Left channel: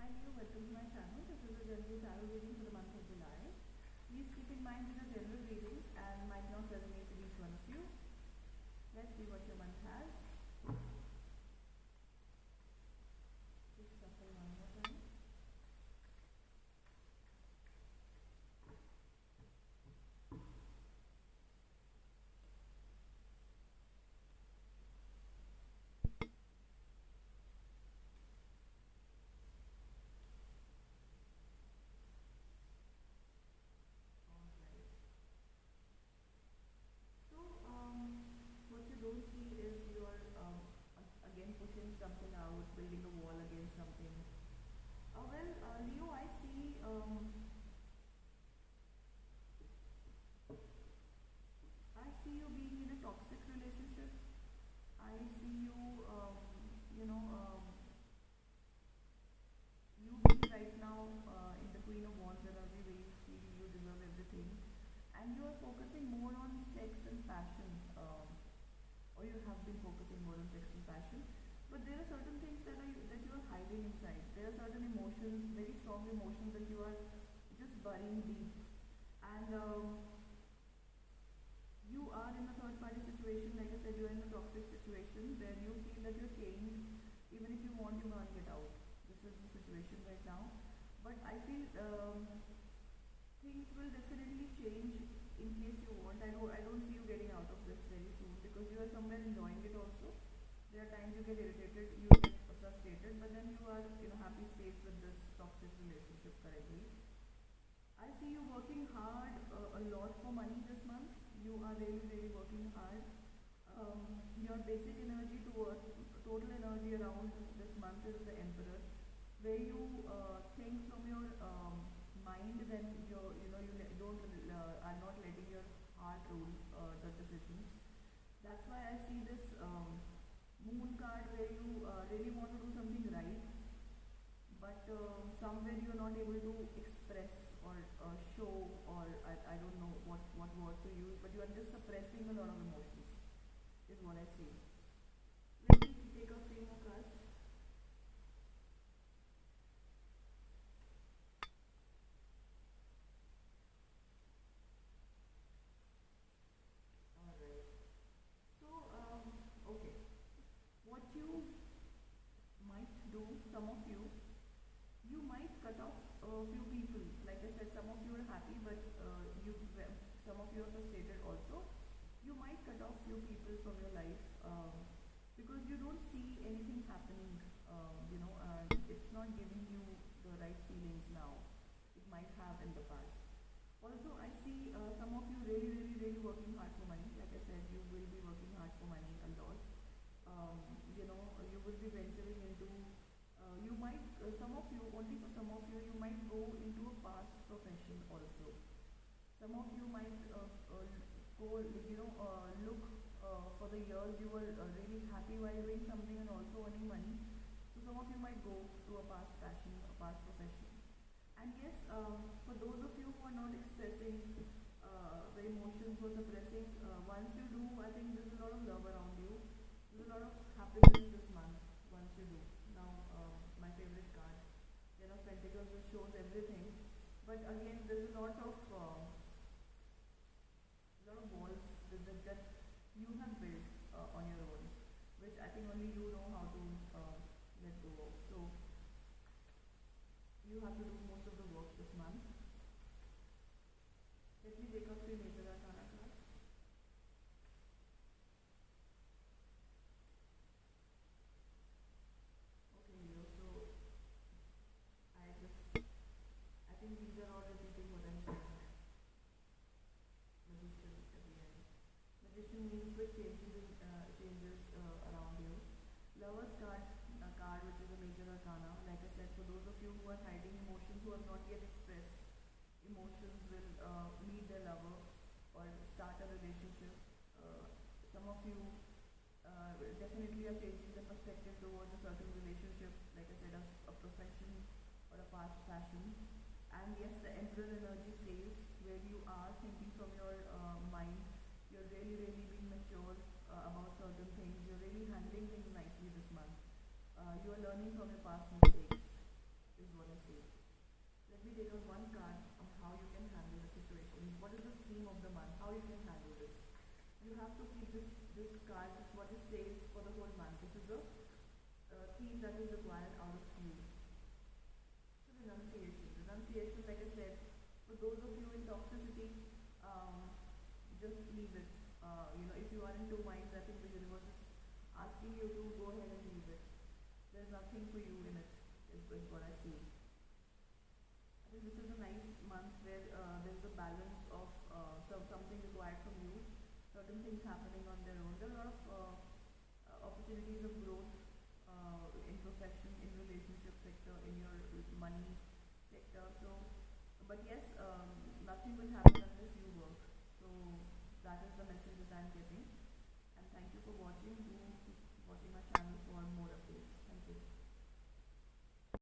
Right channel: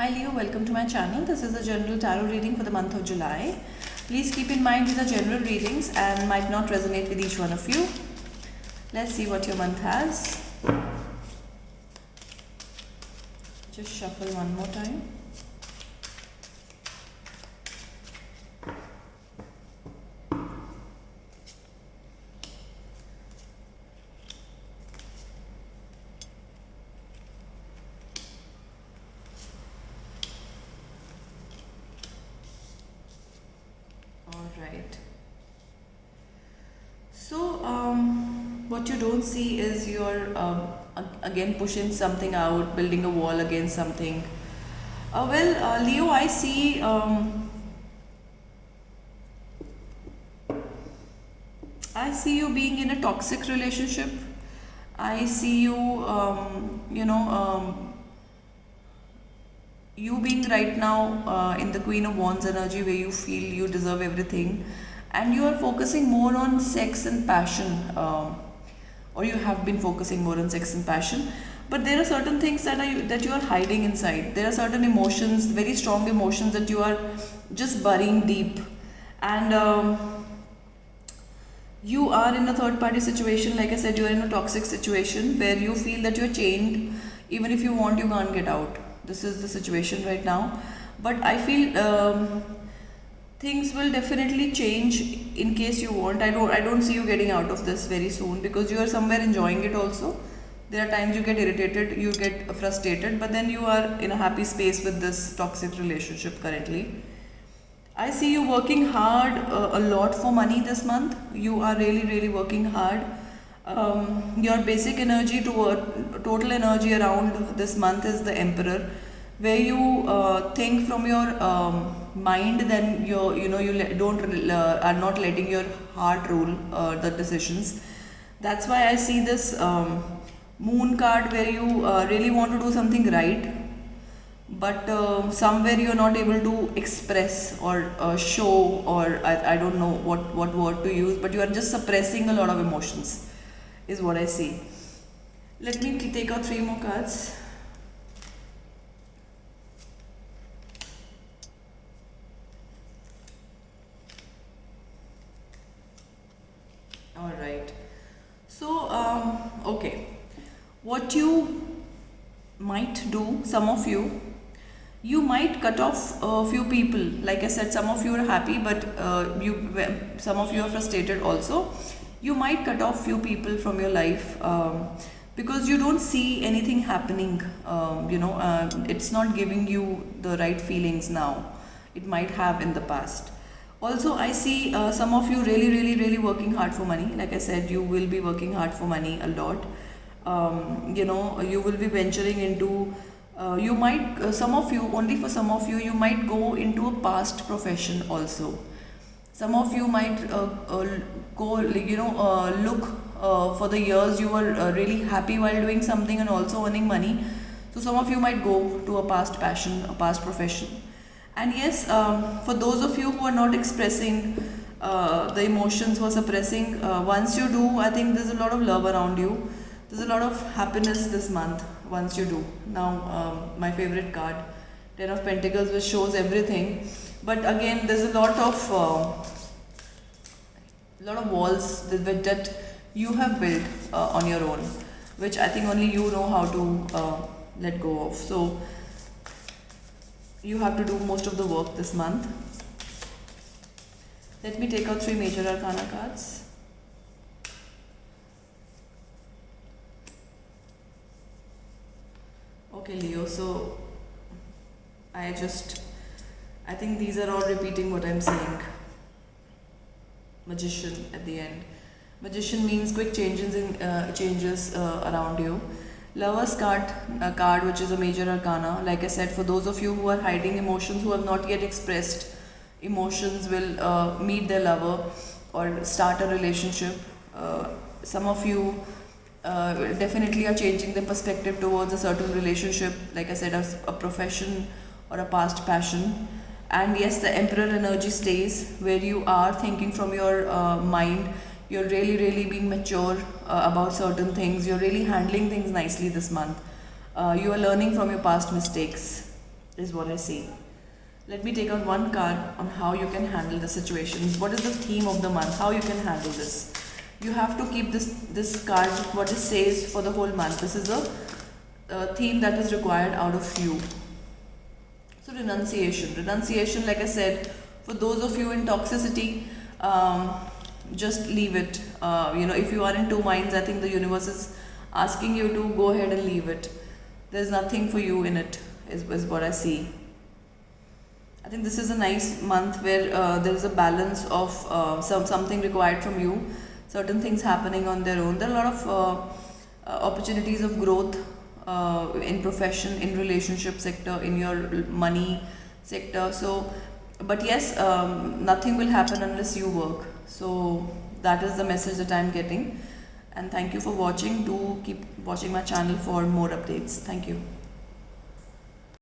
Hi Leo, welcome to my channel. This is a general tarot reading for the month of July. Please keep in mind these are general readings and might not resonate with each one of you. Let's see what your month has. Just shuffle one more time. Alright. So, what you don't see is you're again pushing something out, building a wall against something. Leo, I see you being in a toxic relationship. I see you, you being right now in the Queen of Wands energy where you feel you deserve everything and you are focusing more on sex and passion, or you have been focusing more on sex and passion. But there are certain things that you are hiding inside. There are certain emotions, very strong emotions that you are just burying deep. And you are in a third party situation. Like I said, you are in a toxic situation where you feel that you're chained. Even if you want, you can't get out. This is the situation right now. But I feel things will definitely change in case you want. I don't see you getting out of this very soon because you are somewhere enjoying it also. There are times you get irritated, you get frustrated, but then you are in a happy space with this toxic relationship currently. I see you working hard a lot for money this month. You are really, really working hard. Your basic energy total energy around this month is the Emperor, where you think from your mind, then are not letting your heart rule the decisions. That's why I see this Moon card where you really want to do something right, but somewhere you're not able to express or show, or I don't know what word to use, but you are just suppressing a lot of emotions is what I see. Let me take out 3 more cards. All right. So, okay. What you might do, some of you might cut off a few people. Like I said, some of you are happy, but some of you are frustrated also. You might cut off few people from your life because you don't see anything happening. It's not giving you the right feelings now. It might have in the past. Also, I see some of you really, really, really working hard for money. Like I said, you will be working hard for money a lot. You will be venturing into you might some of you, only for some of you, you might go into a past profession also. Some of you might go look for the years you were really happy while doing something and also earning money. So some of you might go to a past passion, a past profession. And yes, for those of you who are not expressing the emotions, who are suppressing, once you do, I think there's a lot of love around you. There's a lot of happiness this month once you do. Now, my favorite card, Ten of Pentacles, which shows everything. But again, there's a lot of walls that you have built on your own, which I think only you know how to let go of. So you have to do most of the work this month. Let me take out 3 major arcana cards. Okay, Leo, so I think these are all repeating what I'm saying. Magician at the end. Magician means quick changes around you. Lover's card, which is a major arcana. Like I said, for those of you who are hiding emotions, who have not yet expressed emotions, will meet their lover or start a relationship. Some of you definitely are changing the perspective towards a certain relationship, like I said, a profession or a past passion. And yes, the Emperor energy stays where you are thinking from your mind. You're really, really being mature about certain things. You're really handling things nicely this month. You are learning from your past mistakes. is what I see. Let me take out one card on how you can handle the situation. What is the theme of the month? How you can handle this? You have to keep this card, what it says for the whole month. This is a theme that is required out of you. So renunciation, like I said, for those of you in toxicity, just leave it. If you are in two minds, I think the universe is asking you to go ahead and leave it. There's nothing for you in it, is what I see. I think this is a nice month where there is a balance of something required from you, certain things happening on their own. There are a lot of opportunities of growth in profession, in relationship sector, in your money sector. So, but yes, nothing will happen unless you work. So that is the message that I'm getting. And thank you for watching. Do keep watching my channel for more updates. Thank you.